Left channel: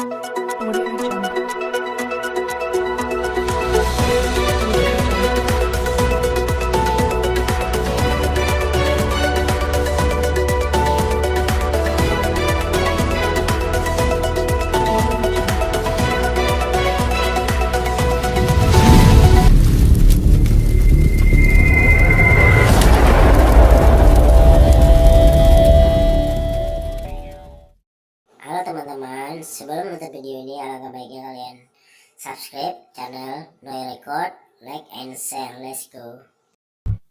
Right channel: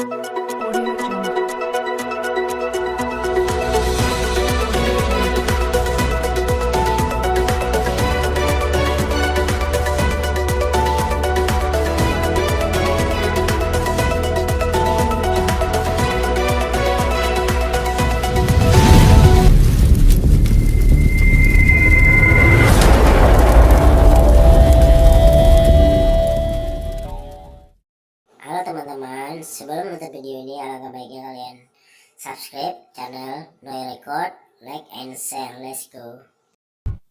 Audio Jungle. Halo teman-teman, sebelum menonton video ini alangkah baiknya kalian subscribe channel Noi Record, like and share. Let's go.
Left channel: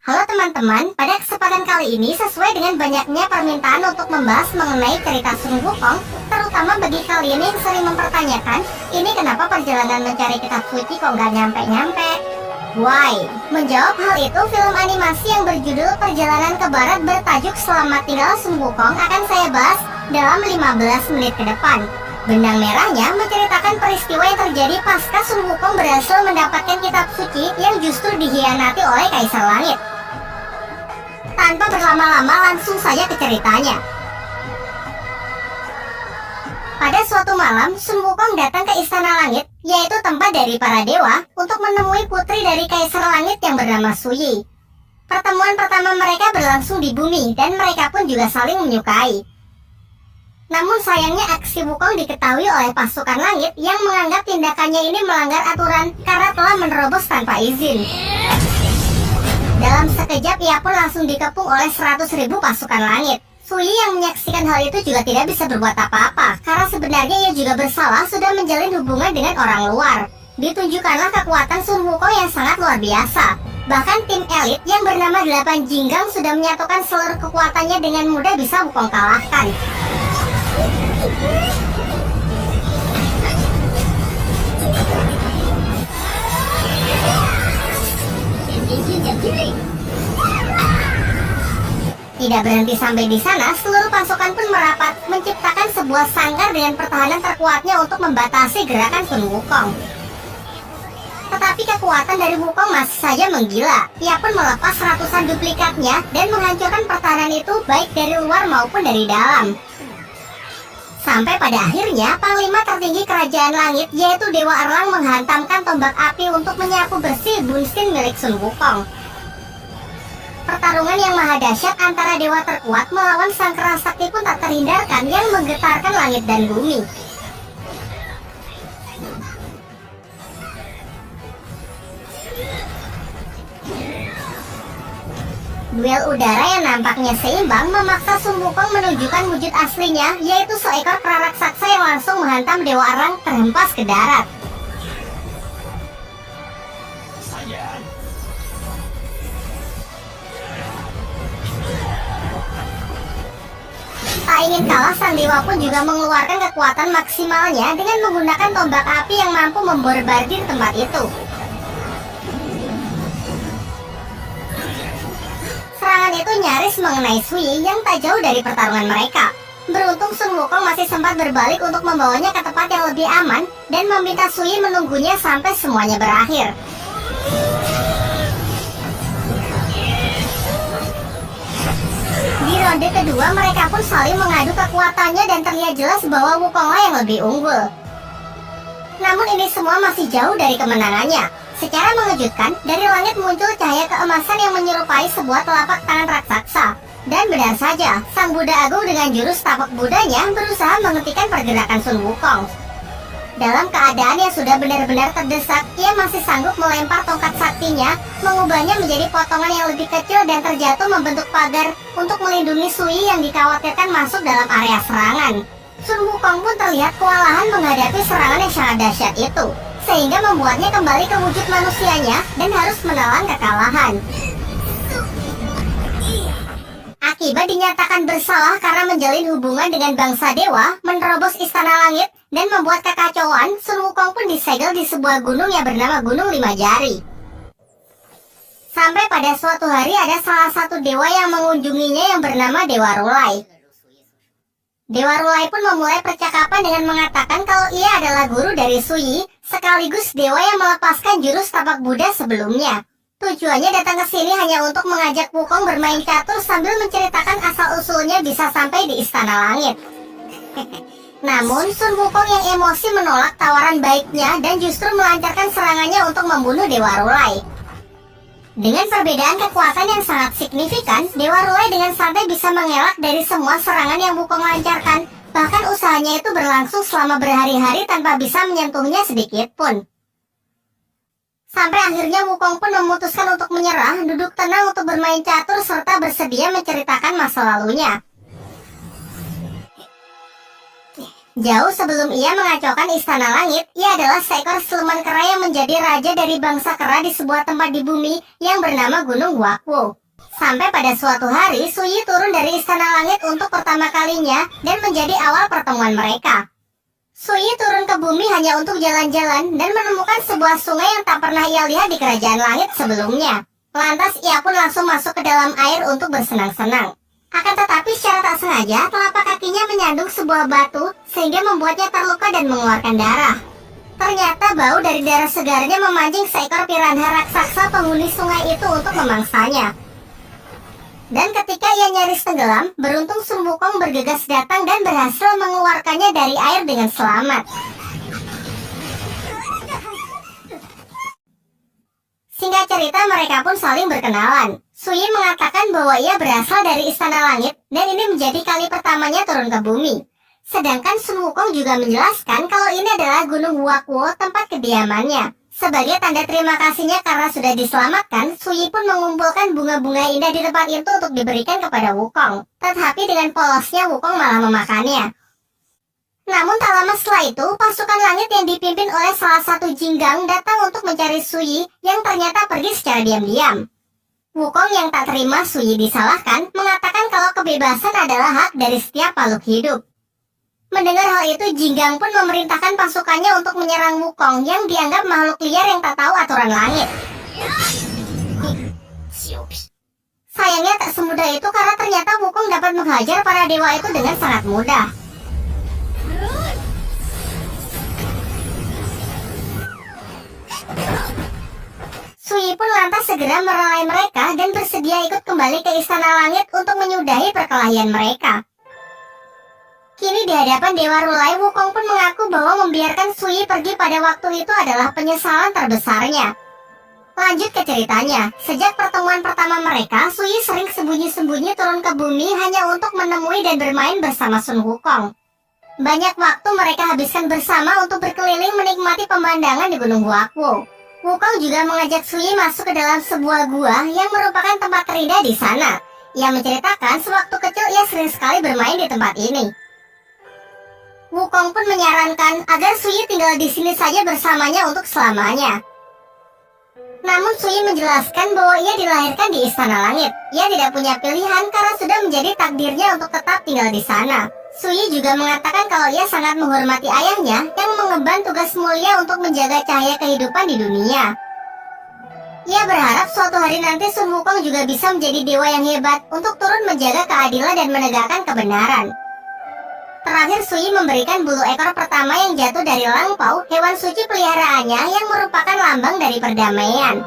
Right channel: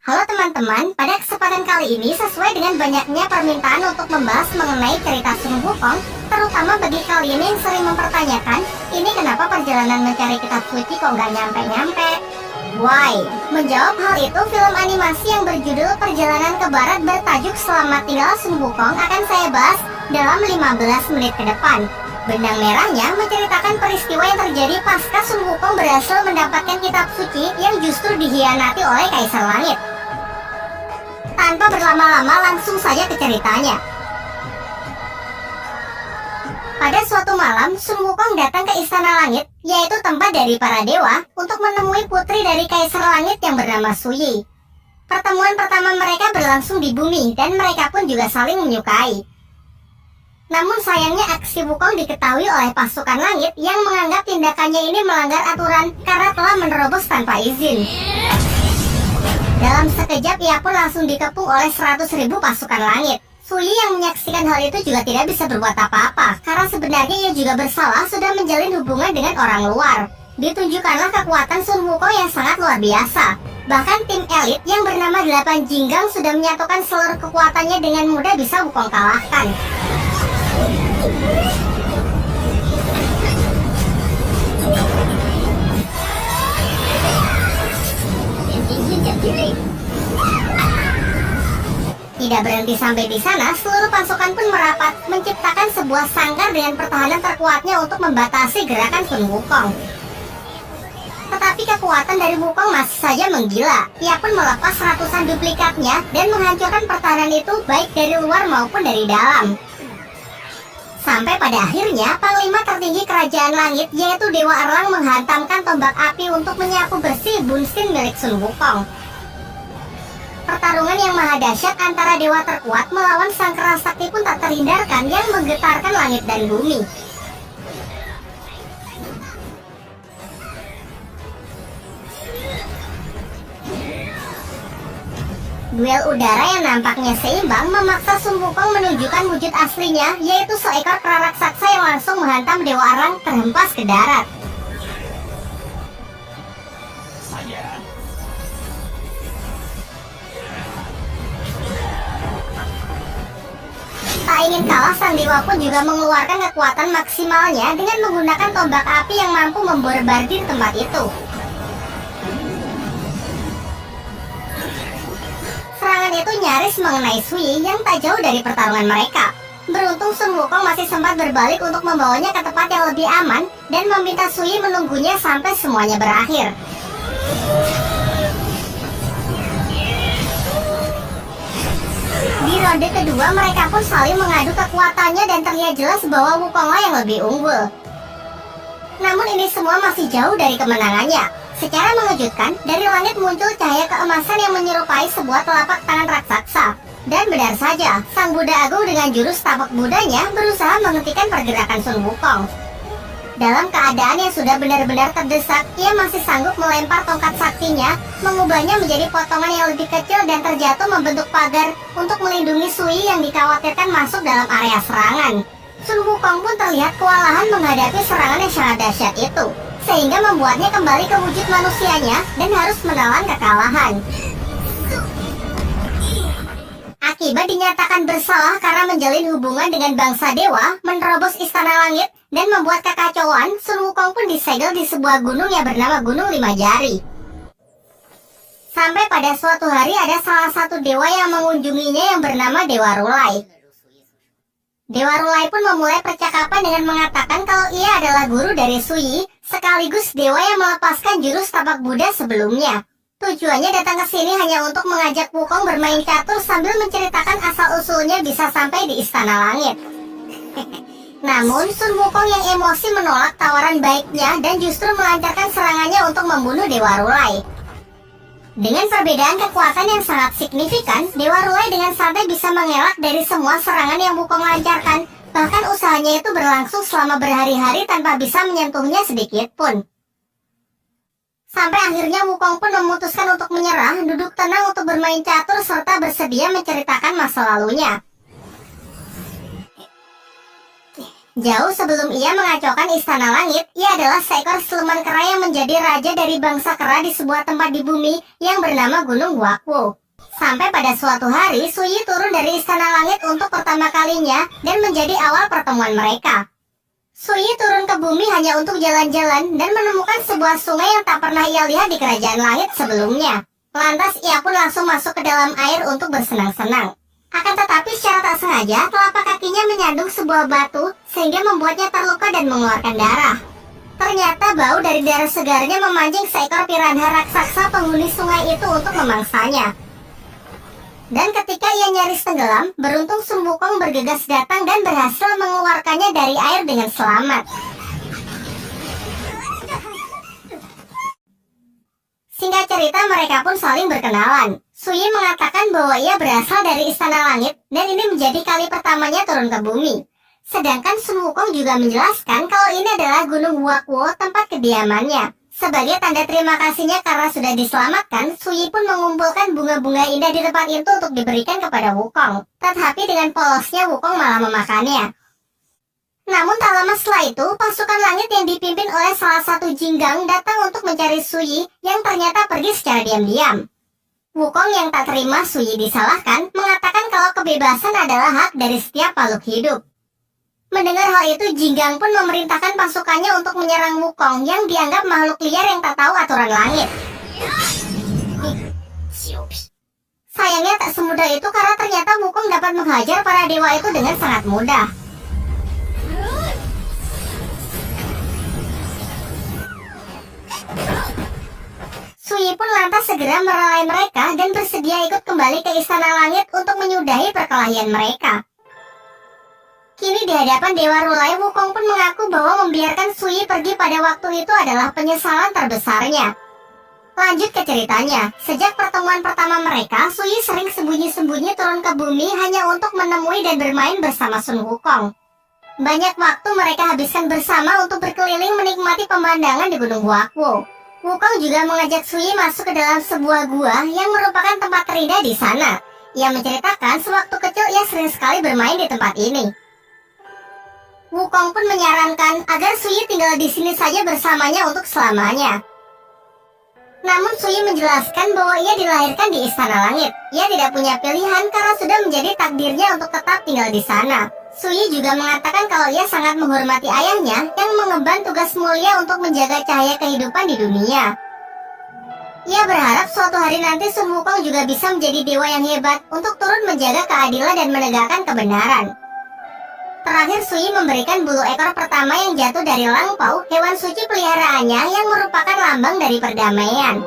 Halo teman-teman, pada kesempatan kali ini sesuai dengan banyaknya permintaan untuk membahas mengenai cerita Sun Wukong, terutama bagi kalian yang sering mempertanyakan, ini kenapa perjalanan mencari kitab suci kok nggak nyampe-nyampe? Why? Menjawab hal itu, film animasi yang berjudul Perjalanan ke Barat bertajuk Selamat Tinggal Sun Wukong akan saya bahas dalam 15 menit ke depan. Benang merahnya menceritakan peristiwa yang terjadi pasca Sun Wukong berhasil mendapatkan kitab suci yang justru dikhianati oleh Kaisar Langit. Tanpa berlama-lama langsung saja ke ceritanya. Pada suatu malam, Sun Wukong datang ke Istana Langit, yaitu tempat dari para dewa, untuk menemui putri dari Kaisar Langit yang bernama Su Yi. Pertemuan pertama mereka berlangsung di bumi, dan mereka pun juga saling menyukai. Namun sayangnya aksi Wukong diketahui oleh pasukan langit yang menganggap tindakannya ini melanggar aturan karena telah menerobos tanpa izin. Dalam sekejap ia pun langsung dikepung oleh 100.000 pasukan langit. Su Yi yang menyaksikan hal itu juga tidak bisa berbuat apa-apa karena sebenarnya ia juga bersalah sudah menjalin hubungan dengan orang luar. Ditunjukkanlah kekuatan Sun Wukong yang sangat luar biasa. Bahkan tim elit yang bernama 8 Jinggang sudah menyatukan seluruh kekuatannya dengan mudah bisa Wukong kalahkan. Tidak berhenti sampai di sana, seluruh pasukan pun merapat, menciptakan sebuah sangkar dengan pertahanan terkuatnya untuk membatasi gerakan Sun Wukong. Tetapi kekuatan dari Wukong masih saja menggila. Ia pun melepas ratusan duplikatnya dan menghancurkan pertahanan itu baik dari luar maupun dari dalam. Sampai pada akhirnya, Panglima tertinggi Kerajaan Langit yaitu Dewa Erlang menghantamkan tombak api untuk menyapu bersih Bunsin milik Sun Wukong. Pertarungan yang maha dahsyat antara dewa terkuat melawan sang kera sakti pun tak terhindarkan yang menggetarkan langit dan bumi. Duel udara yang nampaknya seimbang memaksa Sun Wukong menunjukkan wujud aslinya, yaitu seekor kera raksasa yang langsung menghantam Dewa Erlang terhempas ke darat. Tak ingin kalah, sang dewa pun juga mengeluarkan kekuatan maksimalnya dengan menggunakan tombak api yang mampu memborbardir tempat itu. Serangan itu nyaris mengenai Su Yi yang tak jauh dari pertarungan mereka. Beruntung Sun Wukong masih sempat berbalik untuk membawanya ke tempat yang lebih aman dan meminta Su Yi menunggunya sampai semuanya berakhir. Di ronde kedua mereka pun saling mengadu kekuatannya dan terlihat jelas bahwa Wukonglah yang lebih unggul. Namun ini semua masih jauh dari kemenangannya. Secara mengejutkan, dari langit muncul cahaya keemasan yang menyerupai sebuah telapak tangan raksasa. Dan benar saja, sang Buddha Agung dengan jurus tapak Budanya berusaha menghentikan pergerakan Sun Wukong. Dalam keadaan yang sudah benar-benar terdesak, ia masih sanggup melempar tongkat saktinya, mengubahnya menjadi potongan yang lebih kecil dan terjatuh membentuk pagar untuk melindungi Su Yi yang dikhawatirkan masuk dalam area serangan. Sun Wukong pun terlihat kewalahan menghadapi serangan yang sangat dahsyat itu, sehingga membuatnya kembali ke wujud manusianya dan harus menelan kekalahan. Akibat dinyatakan bersalah karena menjalin hubungan dengan bangsa dewa, menerobos istana langit, dan membuat kekacauan, Sun Wukong pun disegel di sebuah gunung yang bernama Gunung Lima Jari. Sampai pada suatu hari ada salah satu dewa yang mengunjunginya yang bernama Dewa Rulai. Dewa Rulai pun memulai percakapan dengan mengatakan kalau ia adalah guru dari Su Yi, sekaligus dewa yang melepaskan jurus tapak Buddha sebelumnya. Tujuannya datang ke sini hanya untuk mengajak Wukong bermain catur sambil menceritakan asal-usulnya bisa sampai di Istana Langit. Namun Sun Wukong yang emosi menolak tawaran baiknya dan justru melancarkan serangannya untuk membunuh Dewa Rulai. Dengan perbedaan kekuatan yang sangat signifikan, Dewa Rulai dengan santai bisa mengelak dari semua serangan yang Wukong lancarkan. Bahkan usahanya itu berlangsung selama berhari-hari tanpa bisa menyentuhnya sedikit pun. Sampai akhirnya Wukong pun memutuskan untuk menyerah, duduk tenang untuk bermain catur serta bersedia menceritakan masa lalunya. Jauh sebelum ia mengacaukan Istana Langit, ia adalah seekor siluman kera yang menjadi raja dari bangsa kera di sebuah tempat di bumi yang bernama Gunung Wakwu. Sampai pada suatu hari, Su Yi turun dari Istana Langit untuk pertama kalinya dan menjadi awal pertemuan mereka. Su Yi turun ke bumi hanya untuk jalan-jalan dan menemukan sebuah sungai yang tak pernah ia lihat di Kerajaan Langit sebelumnya. Lantas ia pun langsung masuk ke dalam air untuk bersenang-senang. Akan tetapi secara tak sengaja, telapak kakinya menyandung sebuah batu sehingga membuatnya terluka dan mengeluarkan darah. Ternyata bau dari darah segarnya memancing seekor piranha raksasa penghuni sungai itu untuk memangsanya. Dan ketika ia nyaris tenggelam, beruntung Sun Wukong bergegas datang dan berhasil mengeluarkannya dari air dengan selamat. Singkat cerita, mereka pun saling berkenalan. Su Yi mengatakan bahwa ia berasal dari Istana Langit dan ini menjadi kali pertamanya turun ke bumi. Sedangkan Sun Wukong juga menjelaskan kalau ini adalah Gunung Wakwu, tempat kediamannya. Sebagai tanda terima kasihnya karena sudah diselamatkan, Su Yi pun mengumpulkan bunga-bunga indah di tempat itu untuk diberikan kepada Wukong. Tetapi dengan polosnya Wukong malah memakannya. Namun tak lama setelah itu, pasukan langit yang dipimpin oleh salah satu Jinggang datang untuk mencari Su Yi yang ternyata pergi secara diam-diam. Wukong yang tak terima Su Yi disalahkan, mengatakan kalau kebebasan adalah hak dari setiap makhluk hidup. Mendengar hal itu, Jinggang pun memerintahkan pasukannya untuk menyerang Wukong yang dianggap makhluk liar yang tak tahu aturan langit. Sayangnya tak semudah itu karena ternyata Wukong dapat menghajar para dewa itu dengan sangat mudah. Su Yi pun lantas segera merelai mereka dan bersedia ikut kembali ke Istana Langit untuk menyudahi perkelahian mereka. Kini di hadapan Dewa Rulai, Wukong pun mengaku bahwa membiarkan Su Yi pergi pada waktu itu adalah penyesalan terbesarnya. Lanjut ke ceritanya, sejak pertemuan pertama mereka, Su Yi sering sembunyi-sembunyi turun ke bumi hanya untuk menemui dan bermain bersama Sun Wukong. Banyak waktu mereka habiskan bersama untuk berkeliling menikmati pemandangan di Gunung Wakwu. Wukong juga mengajak Su Yi masuk ke dalam sebuah gua yang merupakan tempat terindah di sana. Ia menceritakan sewaktu kecil ia sering sekali bermain di tempat ini. Wukong pun menyarankan agar Su Yi tinggal di sini saja bersamanya untuk selamanya. Namun Su Yi menjelaskan bahwa ia dilahirkan di Istana Langit. Ia tidak punya pilihan karena sudah menjadi takdirnya untuk tetap tinggal di sana. Su Yi juga mengatakan kalau ia sangat menghormati ayahnya yang mengemban tugas mulia untuk menjaga cahaya kehidupan di dunia. Ia berharap suatu hari nanti Sun Wukong juga bisa menjadi dewa yang hebat untuk turun menjaga keadilan dan menegakkan kebenaran. Terakhir Su Yi memberikan bulu ekor pertama yang jatuh dari Lang Pao, hewan suci peliharaannya yang merupakan lambang dari perdamaian.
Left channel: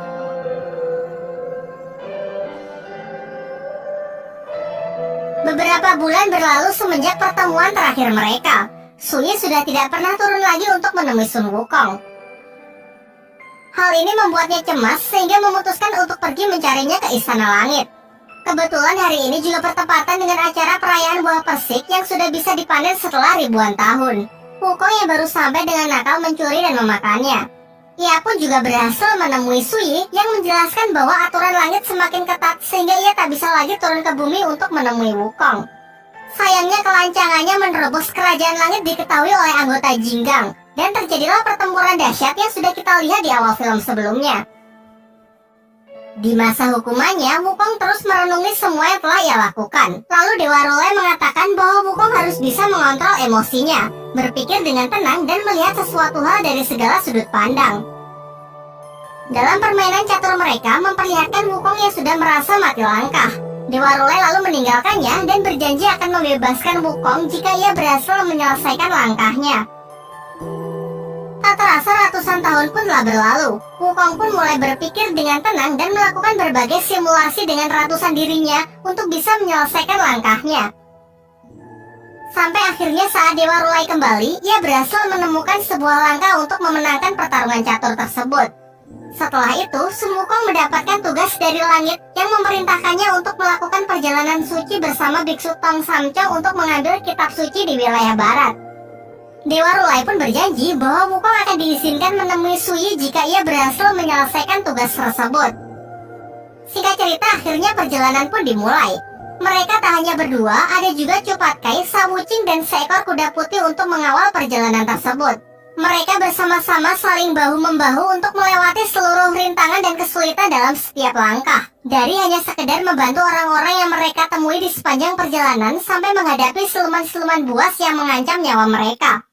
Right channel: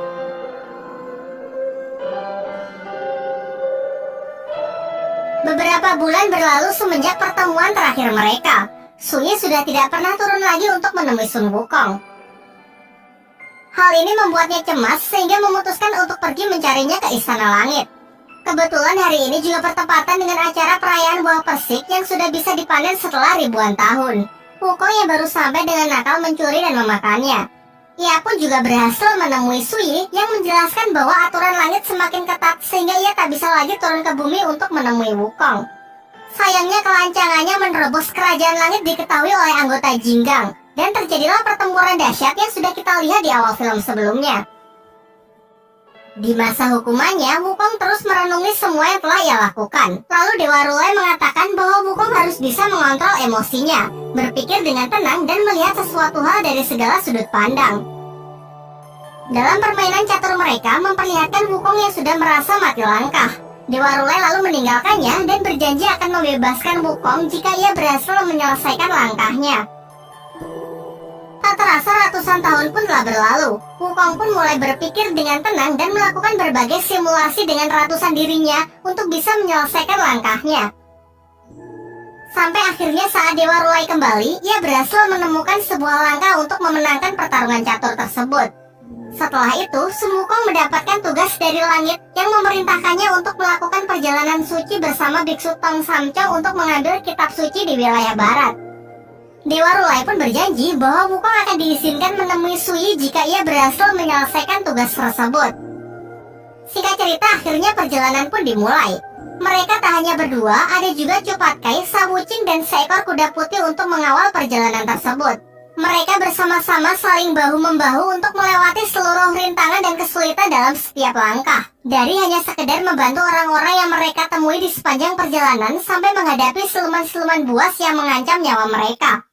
Beberapa bulan berlalu semenjak pertemuan terakhir mereka. Su Yi sudah tidak pernah turun lagi untuk menemui Sun Wukong. Hal ini membuatnya cemas sehingga memutuskan untuk pergi mencarinya ke Istana Langit. Kebetulan hari ini juga bertepatan dengan acara perayaan buah persik yang sudah bisa dipanen setelah ribuan tahun. Wukong yang baru sampai dengan nakal mencuri dan memakannya. Ia pun juga berhasil menemui Su Yi yang menjelaskan bahwa aturan langit semakin ketat sehingga ia tak bisa lagi turun ke bumi untuk menemui Wukong. Sayangnya kelancangannya menerobos kerajaan langit diketahui oleh anggota Jinggang dan terjadilah pertempuran dahsyat yang sudah kita lihat di awal film sebelumnya. Di masa hukumannya, Wukong terus merenungi semua yang telah ia lakukan. Lalu Dewa Rulai mengatakan bahwa Wukong harus bisa mengontrol emosinya, berpikir dengan tenang dan melihat sesuatu hal dari segala sudut pandang. Dalam permainan catur mereka memperlihatkan Wukong yang sudah merasa mati langkah. Dewa Rulai lalu meninggalkannya dan berjanji akan membebaskan Wukong jika ia berhasil menyelesaikan langkahnya. Tak terasa ratusan tahun pun telah berlalu. Wukong pun mulai berpikir dengan tenang dan melakukan berbagai simulasi dengan ratusan dirinya untuk bisa menyelesaikan langkahnya. Sampai akhirnya saat Dewa Rulai kembali, ia berhasil menemukan sebuah langkah untuk memenangkan pertarungan catur tersebut. Setelah itu, Sun Wukong mendapatkan tugas dari langit yang memerintahkannya untuk melakukan perjalanan suci bersama Biksu Tong Samcong untuk mengambil kitab suci di wilayah barat. Dewa Rulai pun berjanji bahwa Wukong akan diizinkan menemui Sui jika ia berhasil menyelesaikan tugas tersebut. Singkat cerita, akhirnya perjalanan pun dimulai. Mereka tak hanya berdua, ada juga Cupatkai, Sawucing, dan seekor kuda putih untuk mengawal perjalanan tersebut. Mereka bersama-sama saling bahu-membahu untuk melewati seluruh rintangan dan kesulitan dalam setiap langkah. Dari hanya sekedar membantu orang-orang yang mereka temui di sepanjang perjalanan sampai menghadapi siluman-siluman buas yang mengancam nyawa mereka.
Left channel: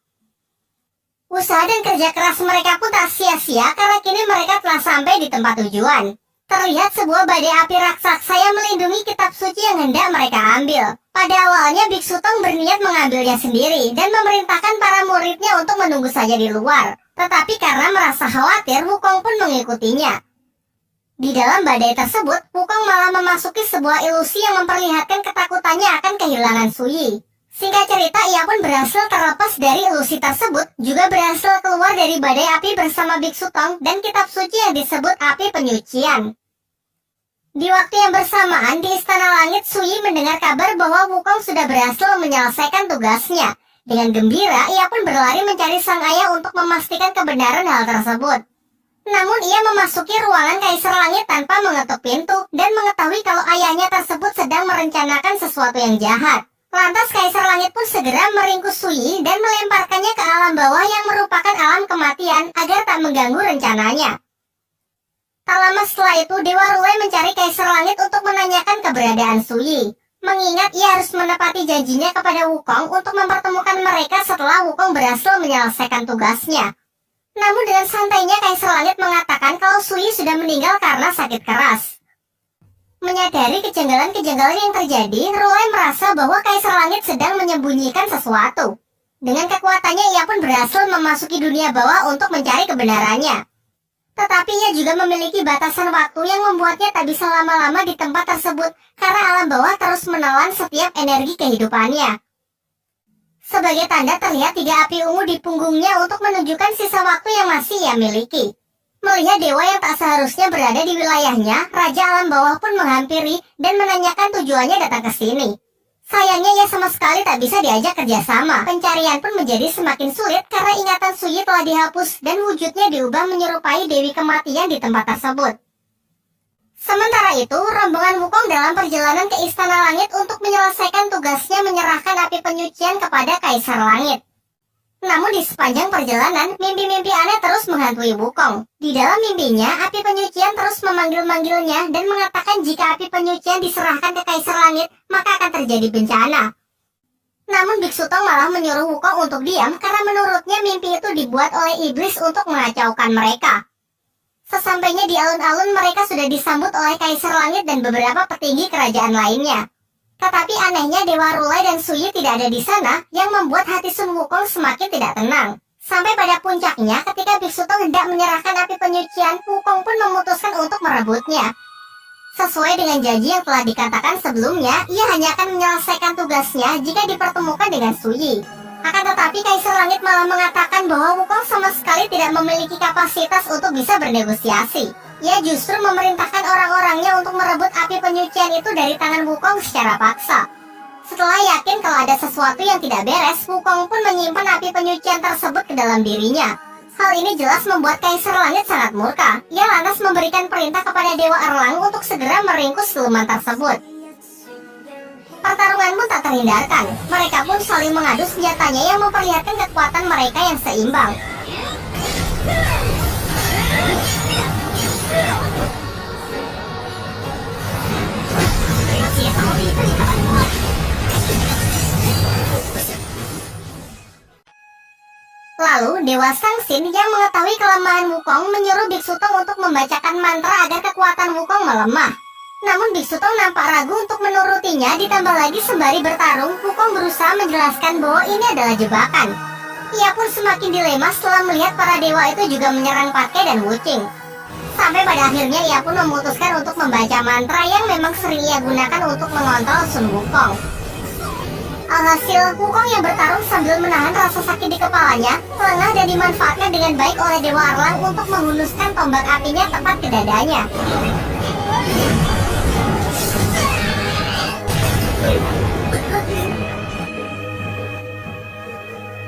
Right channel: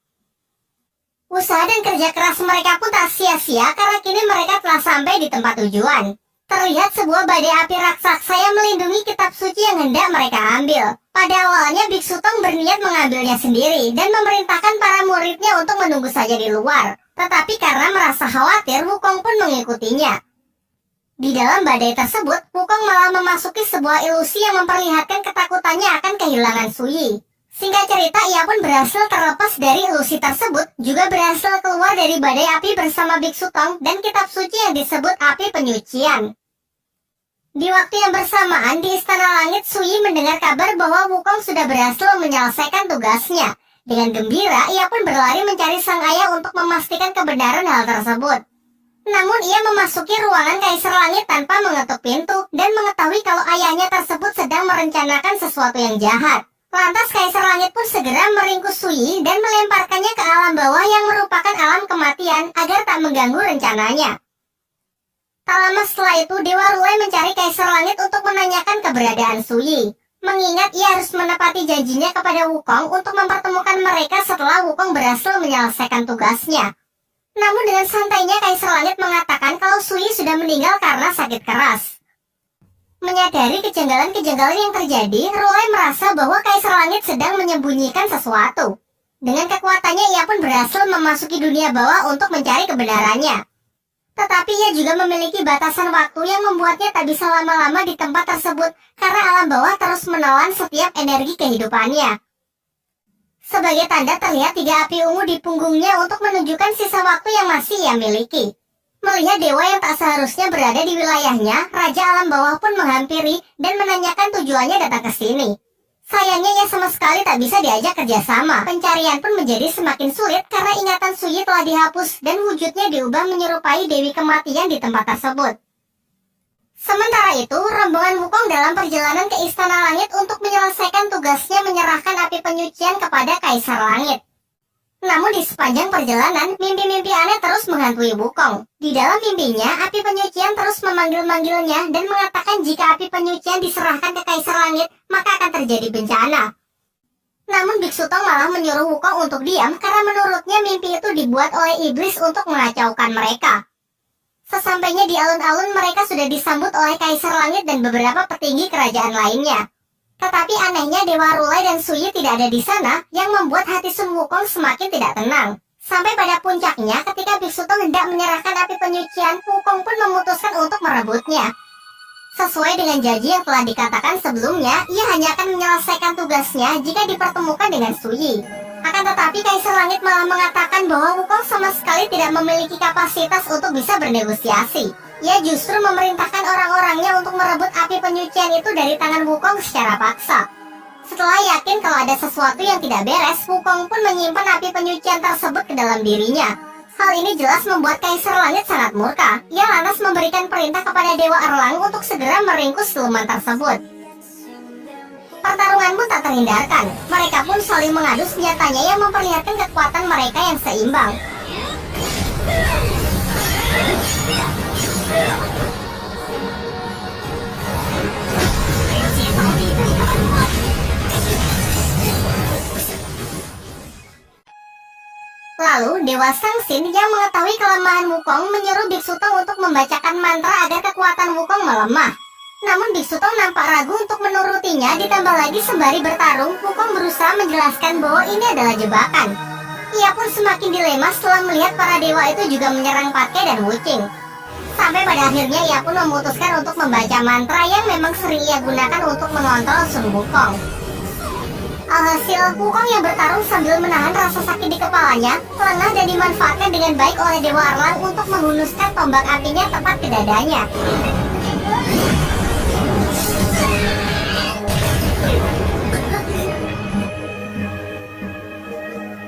Usaha dan kerja keras mereka pun tak sia-sia karena kini mereka telah sampai di tempat tujuan. Terlihat sebuah badai api raksasa yang melindungi kitab suci yang hendak mereka ambil. Pada awalnya Biksu Tong berniat mengambilnya sendiri dan memerintahkan para muridnya untuk menunggu saja di luar. Tetapi karena merasa khawatir, Wukong pun mengikutinya. Di dalam badai tersebut, Wukong malah memasuki sebuah ilusi yang memperlihatkan ketakutannya akan kehilangan Suyi. Singkat cerita, ia pun berhasil terlepas dari ilusi tersebut, juga berhasil keluar dari badai api bersama Biksu Tong dan kitab suci yang disebut api penyucian. Di waktu yang bersamaan, di Istana Langit, Suyi mendengar kabar bahwa Wukong sudah berhasil menyelesaikan tugasnya. Dengan gembira, ia pun berlari mencari sang ayah untuk memastikan kebenaran hal tersebut. Namun ia memasuki ruangan Kaisar Langit tanpa mengetuk pintu dan mengetahui kalau ayahnya tersebut sedang merencanakan sesuatu yang jahat. Lantas Kaisar Langit pun segera meringkus Suyi dan melemparkannya ke alam bawah yang merupakan alam kematian agar tak mengganggu rencananya. Tak lama setelah itu, Dewa Rulai mencari Kaisar Langit untuk menanyakan keberadaan Suyi. Mengingat ia harus menepati janjinya kepada Wukong untuk mempertemukan mereka setelah Wukong berhasil menyelesaikan tugasnya. Namun dengan santainya Kaisar Langit mengatakan kalau Suyi sudah meninggal karena sakit keras. Menyadari kejanggalan-kejanggalan yang terjadi, Rulai merasa bahwa Kaisar Langit sedang menyembunyikan sesuatu. Dengan kekuatannya ia pun berhasil memasuki dunia bawah untuk mencari kebenarannya. Tetapi ia juga memiliki batasan waktu yang membuatnya tak bisa lama-lama di tempat tersebut karena alam bawah terus menelan setiap energi kehidupannya. Sebagai tanda terlihat 3 api ungu di punggungnya untuk menunjukkan sisa waktu yang masih ia miliki. Melihat dewa yang tak seharusnya berada di wilayahnya, Raja Alam Bawah pun menghampiri dan menanyakan tujuannya datang ke sini. Sayangnya ia sama sekali tak bisa diajak kerjasama. Pencarian pun menjadi semakin sulit karena ingatan Suyi telah dihapus dan wujudnya diubah menyerupai Dewi Kematian di tempat tersebut. Sementara itu, rombongan Wukong dalam perjalanan ke Istana Langit untuk menyelesaikan tugasnya menyerahkan api penyucian kepada Kaisar Langit. Namun di sepanjang perjalanan, mimpi-mimpi aneh terus menghantui Wukong. Di dalam mimpinya, api penyucian terus memanggil-manggilnya dan mengatakan jika api penyucian diserahkan ke Kaisar Langit, maka akan terjadi bencana. Namun Biksu Tong malah menyuruh Wukong untuk diam karena menurutnya mimpi itu dibuat oleh iblis untuk mengacaukan mereka. Sesampainya di alun-alun, mereka sudah disambut oleh Kaisar Langit dan beberapa petinggi kerajaan lainnya. Tetapi anehnya Dewa Rulai dan Suyi tidak ada di sana, yang membuat hati Sun Wukong semakin tidak tenang. Sampai pada puncaknya, ketika Biksu Tong hendak menyerahkan api penyucian, Wukong pun memutuskan untuk merebutnya. Sesuai dengan janji yang telah dikatakan sebelumnya, ia hanya akan menyelesaikan tugasnya jika dipertemukan dengan Suyi. Akan tetapi Kaisar Langit malah mengatakan bahwa Wukong sama sekali tidak memiliki kapasitas untuk bisa bernegosiasi. Ia justru memerintahkan orang-orangnya untuk merebut api penyucian itu dari tangan Wukong secara paksa. Setelah yakin kalau ada sesuatu yang tidak beres, Wukong pun menyimpan api penyucian tersebut ke dalam dirinya. Hal ini jelas membuat Kaisar Langit sangat murka. Ia lantas memberikan perintah kepada Dewa Erlang untuk segera meringkus siluman tersebut. Pertarungan pun tak terhindarkan. Mereka pun saling mengadu senjatanya yang memperlihatkan kekuatan mereka yang seimbang. Lalu Dewa Sangsin yang mengetahui kelemahan Wukong menyuruh Biksu Tong untuk membacakan mantra agar kekuatan Wukong melemah. Namun Biksu Tong nampak ragu untuk menurutinya, ditambah lagi sembari bertarung, Wukong berusaha menjelaskan bahwa ini adalah jebakan. Ia pun semakin dilema setelah melihat para dewa itu juga menyerang Patke dan Wuching. Sampai pada akhirnya ia pun memutuskan untuk membaca mantra yang memang sering ia gunakan untuk mengontrol Sun Wukong. Alhasil, Wukong yang bertarung sambil menahan rasa sakit di kepalanya, lengah dan dimanfaatkan dengan baik oleh Dewa Erlang untuk menghunuskan tombak apinya tepat ke dadanya.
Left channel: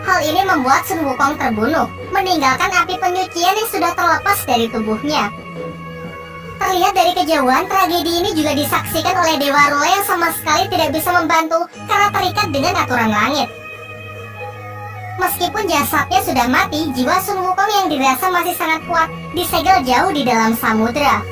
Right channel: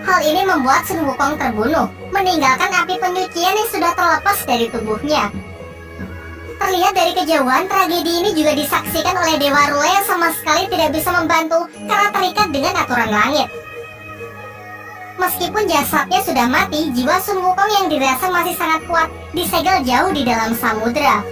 Hal ini membuat Sun Wukong terbunuh, meninggalkan api penyucian yang sudah terlepas dari tubuhnya. Terlihat dari kejauhan, tragedi ini juga disaksikan oleh Dewa Rule yang sama sekali tidak bisa membantu karena terikat dengan aturan langit. Meskipun jasadnya sudah mati, jiwa Sun Wukong yang dirasa masih sangat kuat disegel jauh di dalam samudera.